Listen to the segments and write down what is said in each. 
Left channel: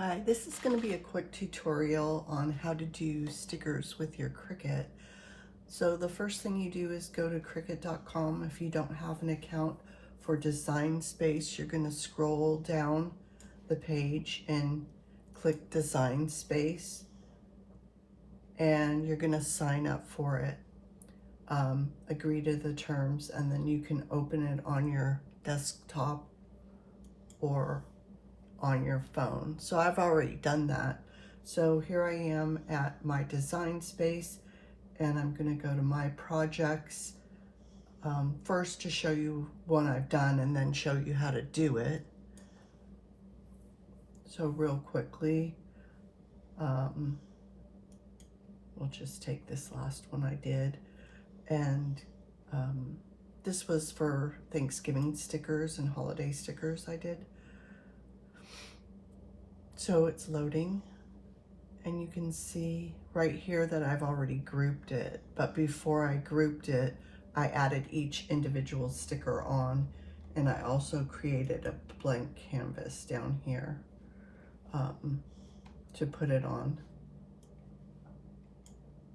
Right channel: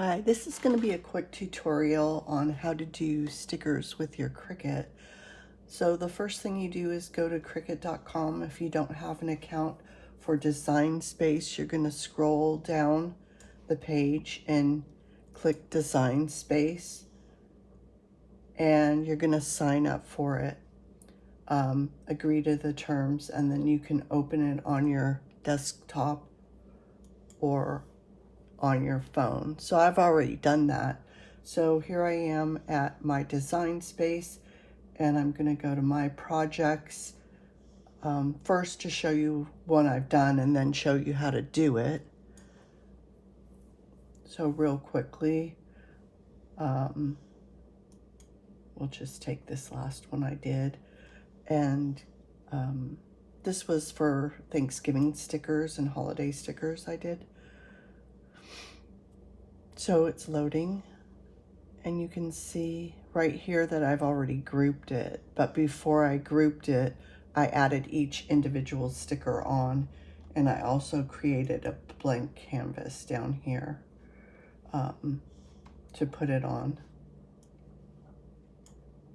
Hi, this is going to be a quick tutorial on how to do stickers with your Cricut. So the first thing you do is go to Cricut.com. If you don't have an account for Design Space, you're going to scroll down the page and click Design Space, and you're going to sign up for it. Agree to the terms, and then you can open it on your desktop or on your phone. So I've already done that. So here I am at my design space, and I'm going to go to my projects first to show you what I've done and then show you how to do it. So real quickly, we'll just take this last one I did, and this was for Thanksgiving stickers and holiday stickers I did. So it's loading, and you can see right here that I've already grouped it, but before I grouped it, I added each individual sticker on, and I also created a blank canvas down here to put it on,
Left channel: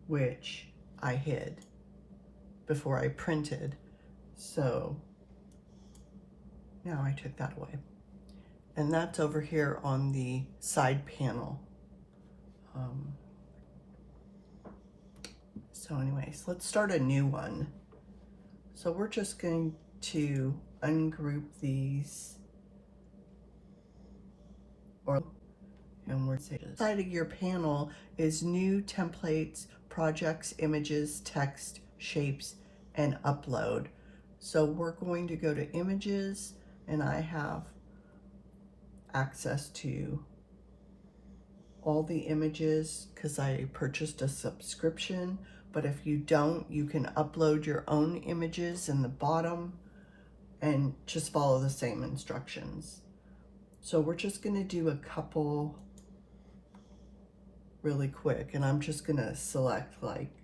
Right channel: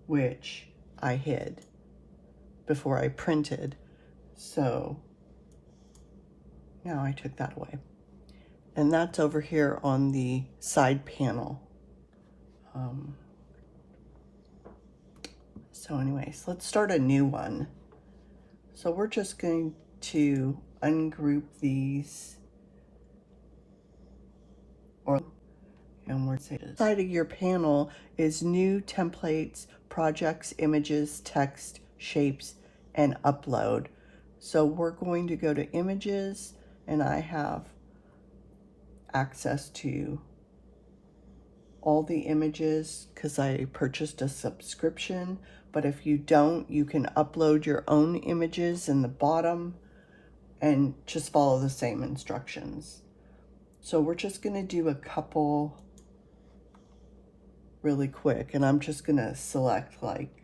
which I hid before I printed. So now I took that away. And that's over here on the side panel. So anyways, let's start a new one. So we're just going to ungroup these, and we're saying the side of your panel is new templates, projects, images, text, shapes, and upload. So we're going to go to images, and I have access to all the images because I purchased a subscription. But if you don't, you can upload your own images in the bottom and just follow the same instructions. So we're just going to do a couple really quick, and I'm just going to select like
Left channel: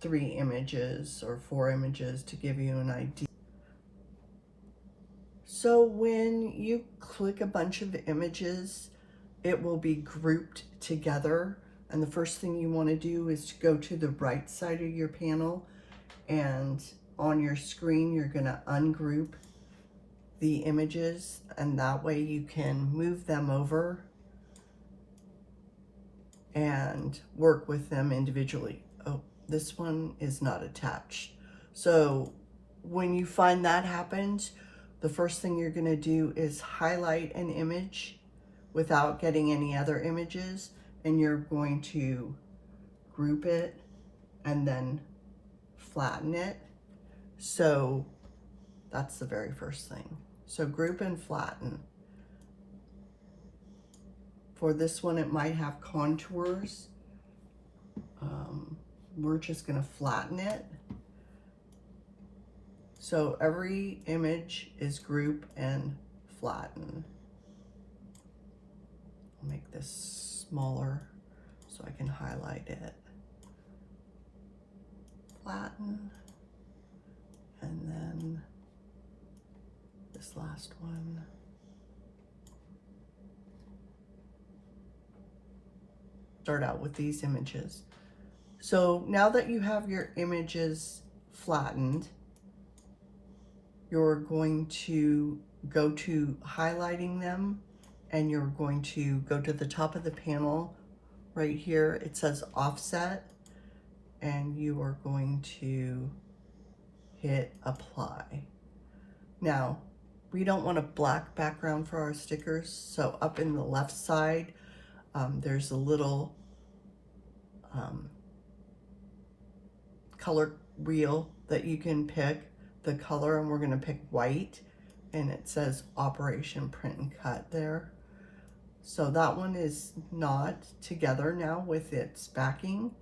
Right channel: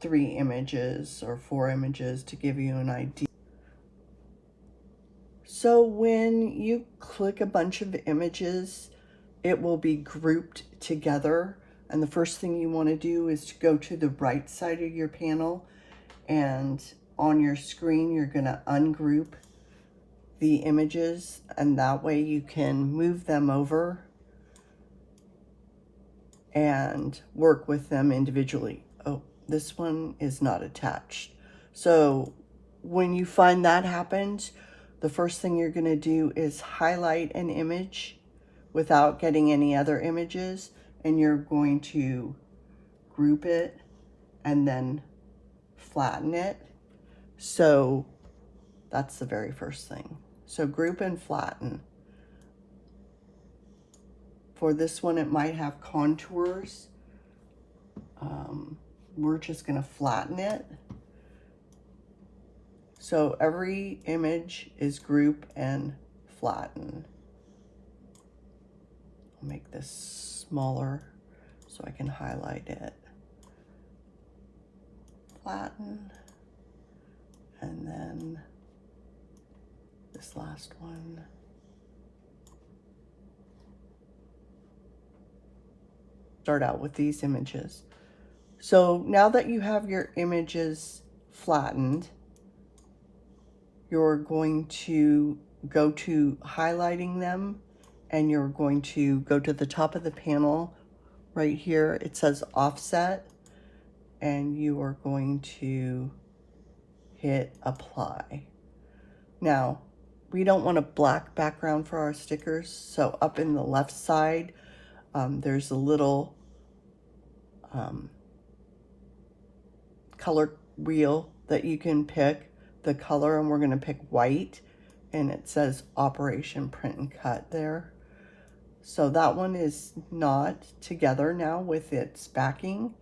3 images or 4 images to give you an idea. So when you click a bunch of images, it will be grouped together. And the first thing you want to do is to go to the right side of your panel, and on your screen, you're going to ungroup the images, and that way you can move them over and work with them individually. Oh, this one is not attached. So when you find that happens, the first thing you're going to do is highlight an image without getting any other images, and you're going to group it and then flatten it. So that's the very first thing. So group and flatten. For this one, it might have contours. We're just going to flatten it. So every image is group and flatten. I'll make this smaller so I can highlight it. Flatten. And then this last one. Start out with these images. So now that you have your images flattened, you're going to go to highlighting them, and you're going to go to the top of the panel right here. It says offset, and you are going to hit apply. Now, we don't want a black background for our stickers, so up in the left side, there's a little color wheel that you can pick the color, and we're going to pick white, and it says Operation Print and Cut there. So that one is not together now with its backing.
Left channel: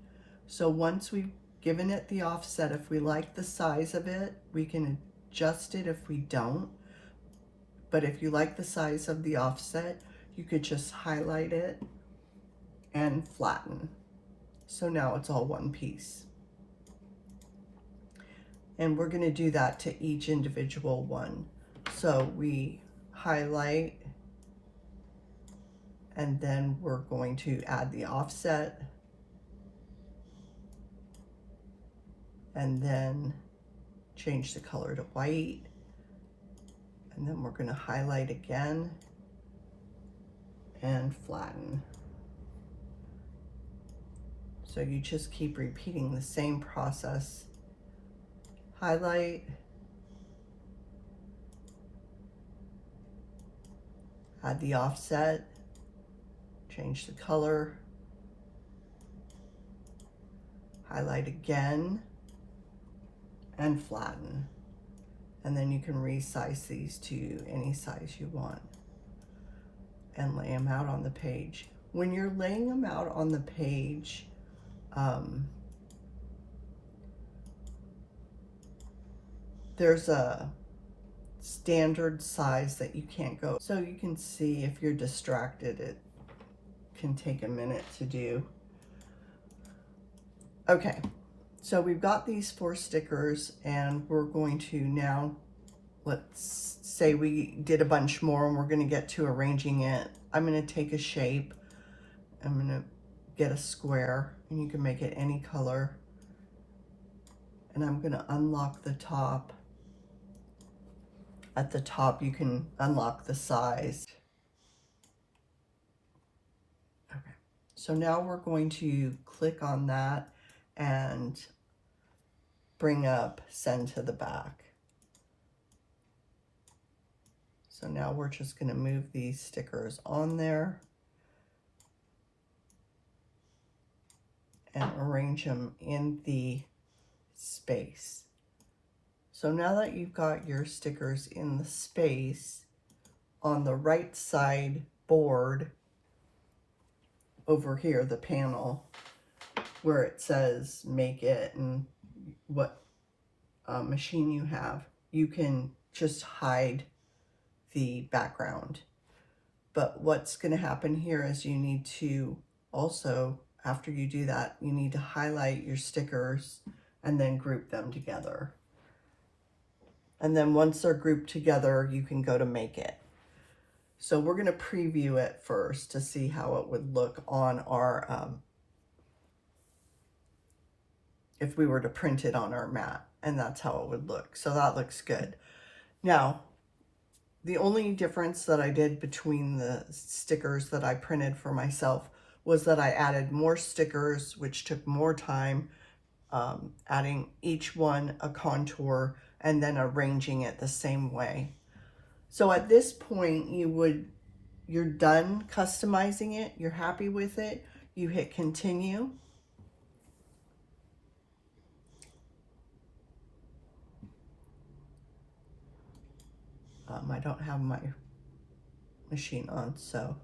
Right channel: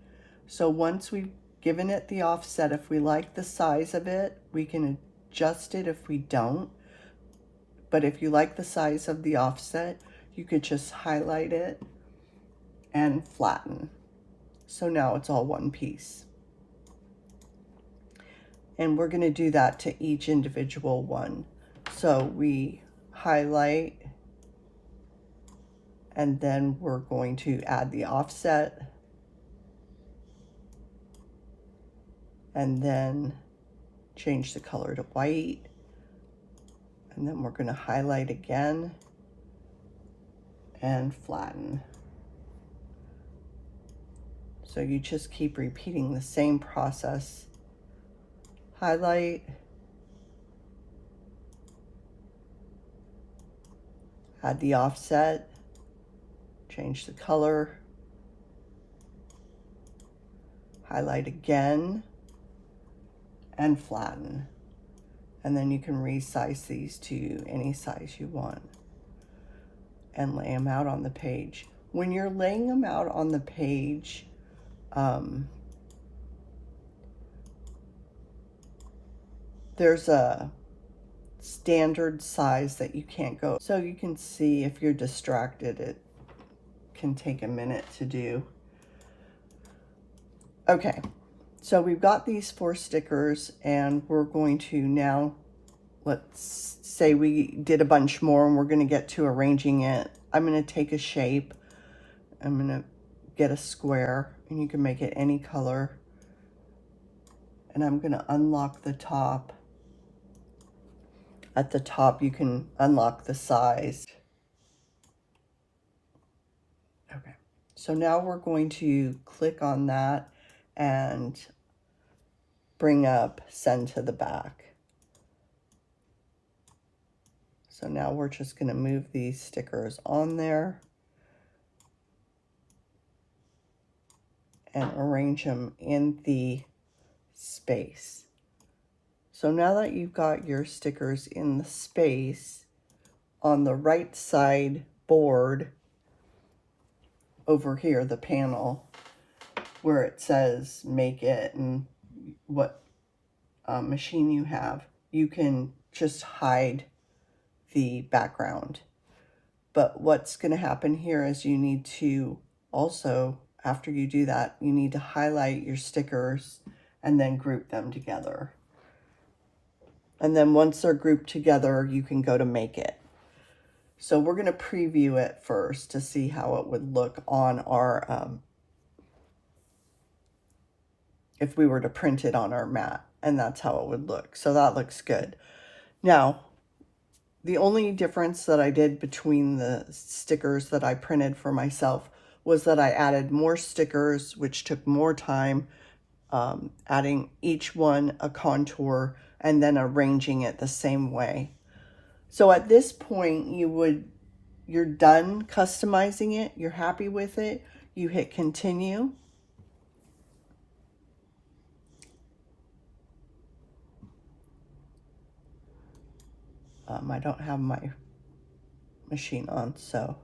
So once we've given it the offset, if we like the size of it, we can adjust it if we don't. But if you like the size of the offset, you could just highlight it and flatten. So now it's all one piece. And we're going to do that to each individual one. So we highlight And then we're going to add the offset. And then change the color to white. And then we're going to highlight again and flatten. So you just keep repeating the same process. Highlight, add the offset, change the color, highlight again, and flatten. And then you can resize these to any size you want and lay them out on the page. When you're laying them out on the page, there's a standard size that you can't go. So you can see if you're distracted, it can take a minute to do. Okay, so we've got these 4 stickers and we're going to now, let's say we did a bunch more and we're going to get to arranging it. I'm going to take a shape. I'm going to get a square, and you can make it any color. And I'm going to unlock the top. At the top, you can unlock the size. Okay, so now we're going to click on that and bring up send to the back. So now we're just going to move these stickers on there and arrange them in the space. So now that you've got your stickers in the space, on the right side board over here, the panel where it says make it and what machine you have, you can just hide the background. But what's going to happen here is you need to also, after you do that, you need to highlight your stickers and then group them together. And then once they're grouped together, you can go to make it. So we're going to preview it first to see how it would look on our, if we were to print it on our mat, and that's how it would look. So that looks good. Now, the only difference that I did between the stickers that I printed for myself was that I added more stickers, which took more time, adding each one a contour and then arranging it the same way. So at this point, you're done customizing it, you're happy with it, you hit continue. I don't have my machine on, so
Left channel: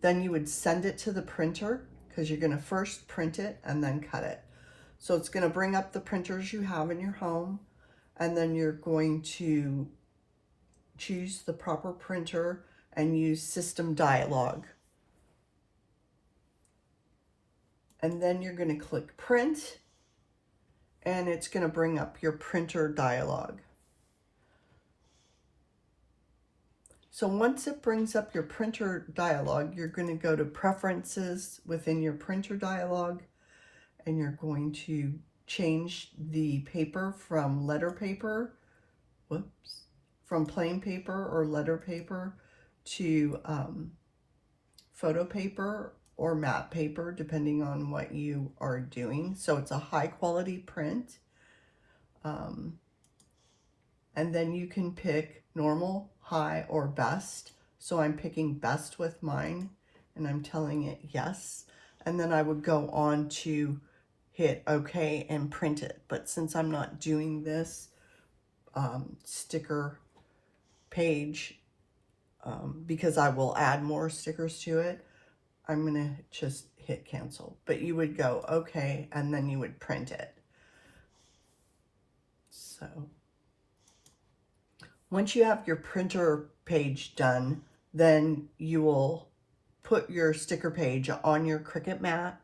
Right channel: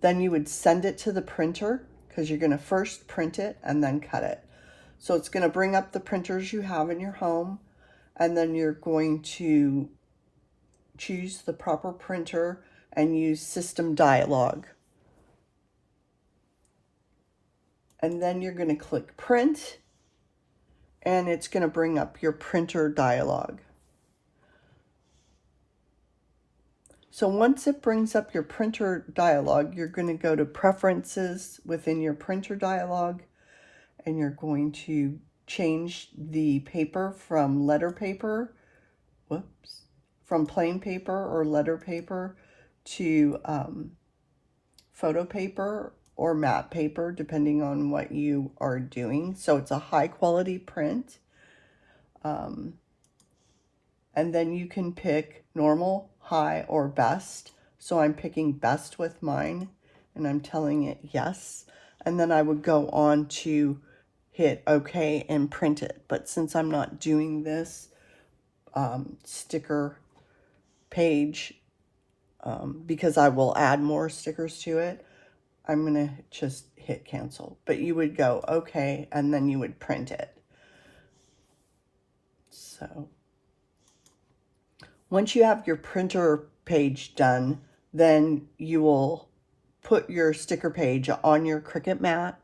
then you would send it to the printer because you're going to first print it and then cut it. So it's going to bring up the printers you have in your home, and then you're going to choose the proper printer and use System Dialog. And then you're going to click Print, and it's going to bring up your printer dialog. So once it brings up your printer dialog, you're going to go to Preferences within your printer dialog, and you're going to change the paper from letter paper, from plain paper or letter paper to photo paper or matte paper, depending on what you are doing. So it's a high quality print. And then you can pick normal, high, or best. So I'm picking best with mine, and I'm telling it yes. And then I would go on to hit OK and print it. But since I'm not doing this sticker page, because I will add more stickers to it, I'm going to just hit cancel. But you would go OK, and then you would print it. So once you have your printer page done, then you will put your sticker page on your Cricut mat.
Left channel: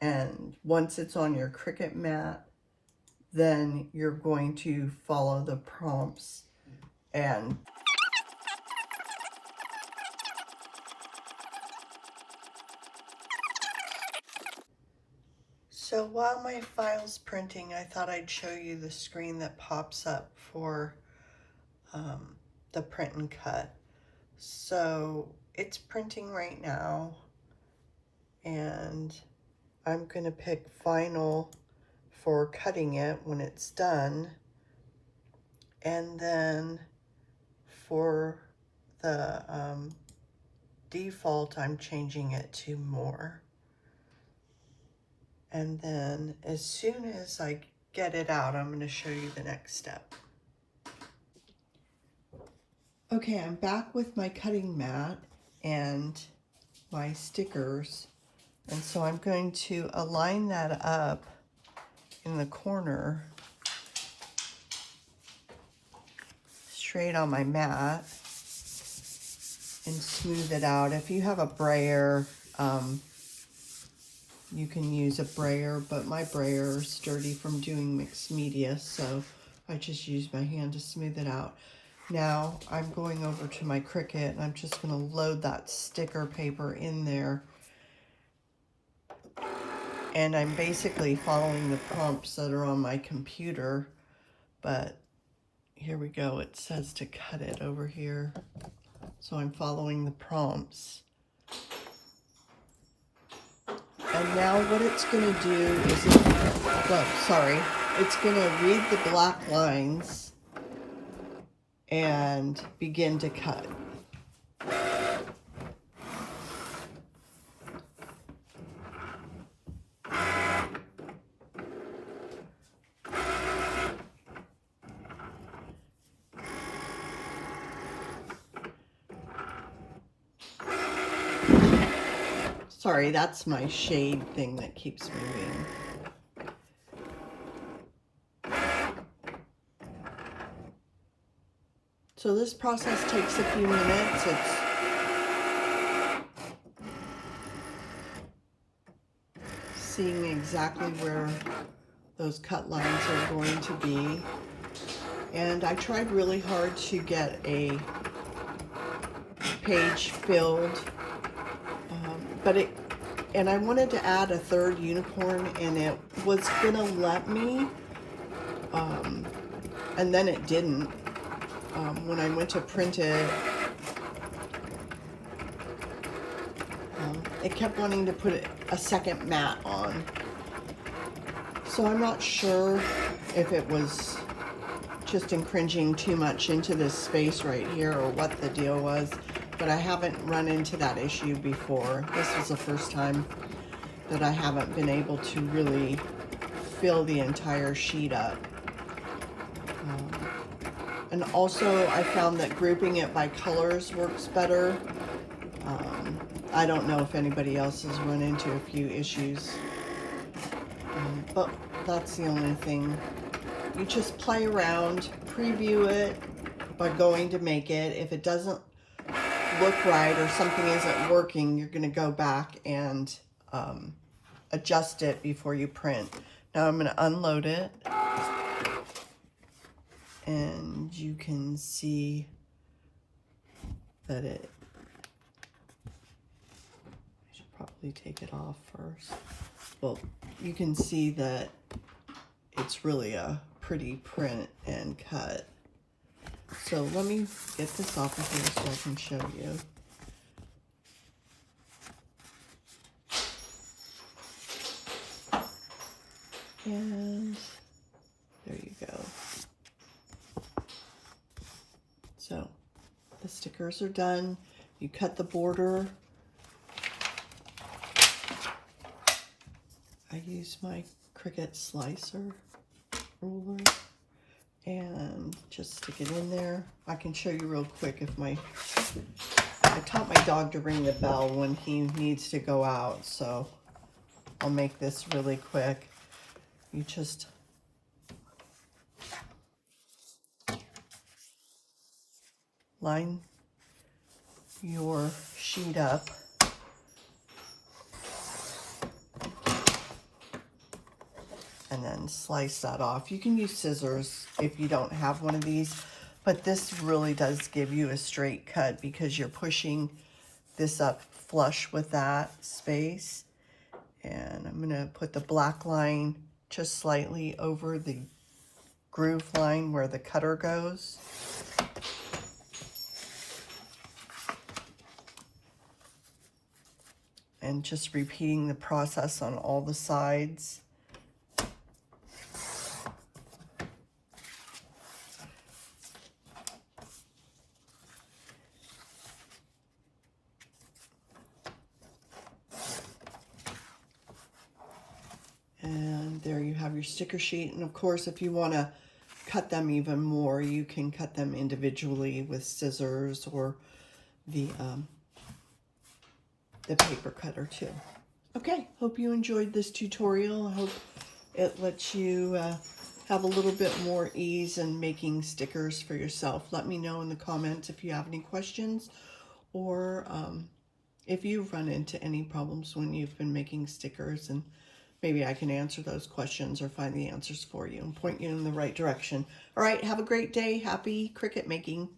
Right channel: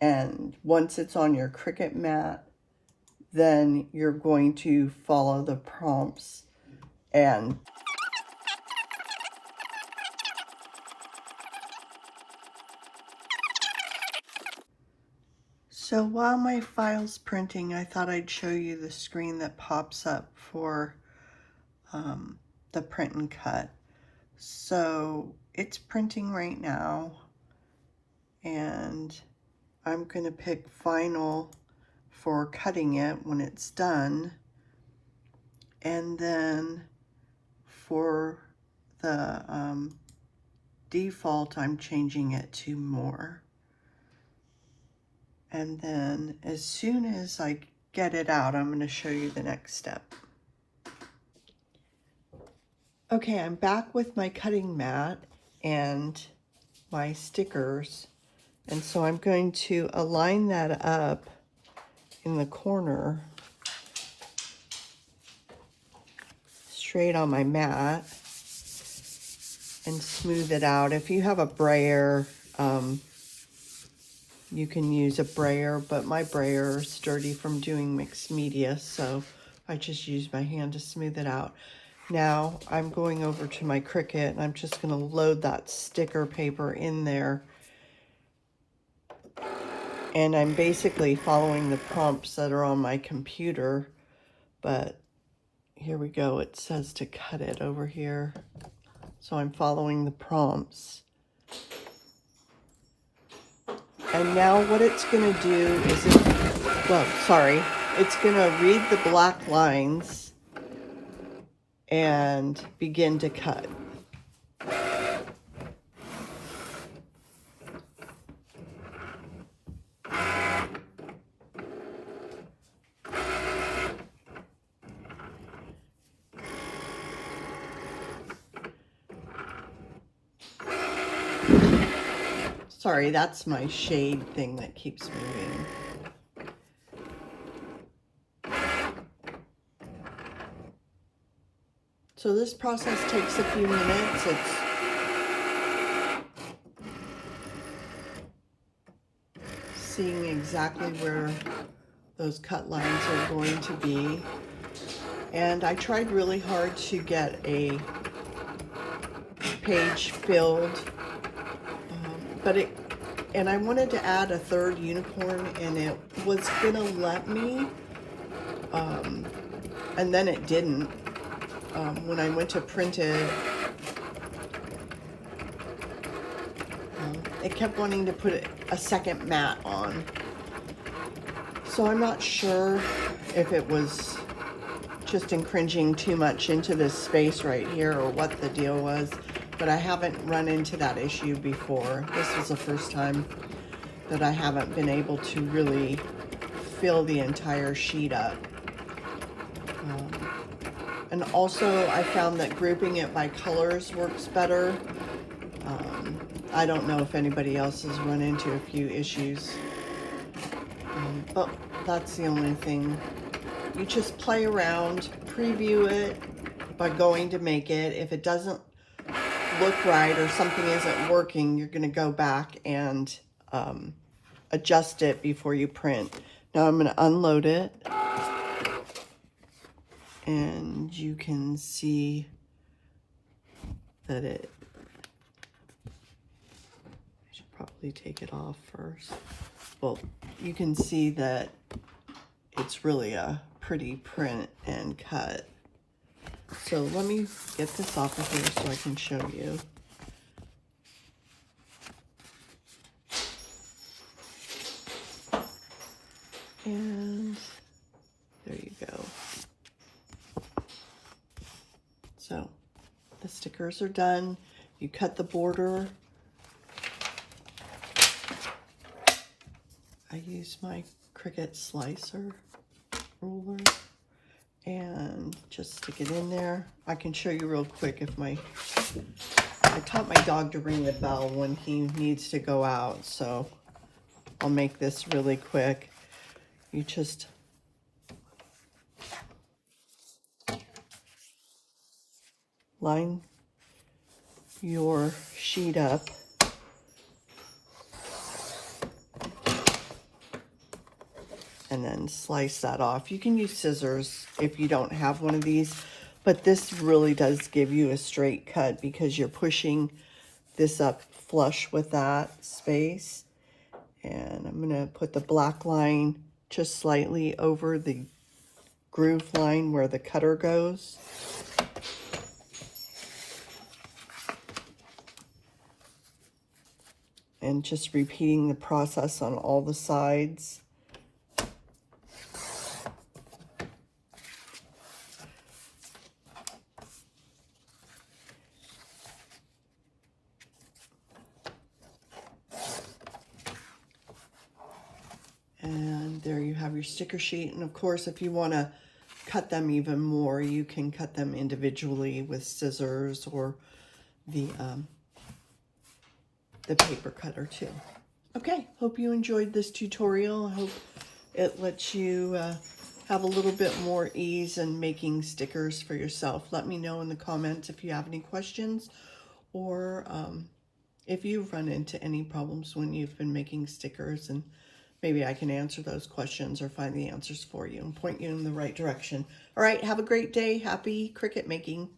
And once it's on your Cricut mat, then you're going to follow the prompts and So while my file's printing, I thought I'd show you the screen that pops up for the print and cut. So it's printing right now, and I'm going to pick final for cutting it when it's done, and then for the default, I'm changing it to more. And then as soon as I get it out, I'm going to show you the next step. Okay, I'm back with my cutting mat and my stickers. And so I'm going to align that up in the corner straight on my mat and smooth it out. If you have a brayer, you can use a brayer, but my brayer is sturdy from doing mixed media, so I just use my hand to smooth it out. Now I'm going over to my Cricut, and I'm just going to load that sticker paper in there. And I'm basically following the prompts that are on my computer, but here we go. It says to cut it over here. So I'm following the prompts. And now what it's going to do is, it's going to read the black lines and begin to cut. Sorry, that's my shade thing that keeps moving. So this process takes a few minutes. It's seeing exactly where those cut lines are going to be. And I tried really hard to get a page filled, and I wanted to add a third unicorn, and it was gonna let me, and then it didn't. When I went to print it, it kept wanting to put a second mat on. So I'm not sure if it was just encroaching too much into this space right here or what the deal was, but I haven't run into that issue before. This was the first time that I haven't been able to really fill the entire sheet up. And also I found that grouping it by colors works better. I don't know if anybody else has run into a few issues, but that's the only thing. You just play around, preview it by going to make it. If it doesn't look right or something isn't working, you're going to go back and adjust it before you print. Now I'm going to unload it, and you can see that I should probably take it off first. Well, you can see that it's really a pretty print and cut. So let me get this off of here so I can show you. And there you go. So the stickers are done. You cut the border. I use my Cricut slicer ruler and just stick it in there. I can show you real quick if I taught my dog to ring the bell when he needs to go out, so I'll make this really quick. You just line your sheet up and then slice that off. You can use scissors if you don't have one of these, but this really does give you a straight cut because you're pushing this up flush with that space, And I'm going to put the black line just slightly over the groove line where the cutter goes. And just repeating the process on all the sides. And there you have your sticker sheet. And of course, if you want to cut them even more, you can cut them individually with scissors or the paper cutter too. Okay, hope you enjoyed this tutorial. I hope it lets you have a little bit more ease in making stickers for yourself. Let me know in the comments if you have any questions, or if you've run into any problems when you've been making stickers, and maybe I can answer those questions or find the answers for you and point you in the right direction. All right, have a great day. Happy Cricut making.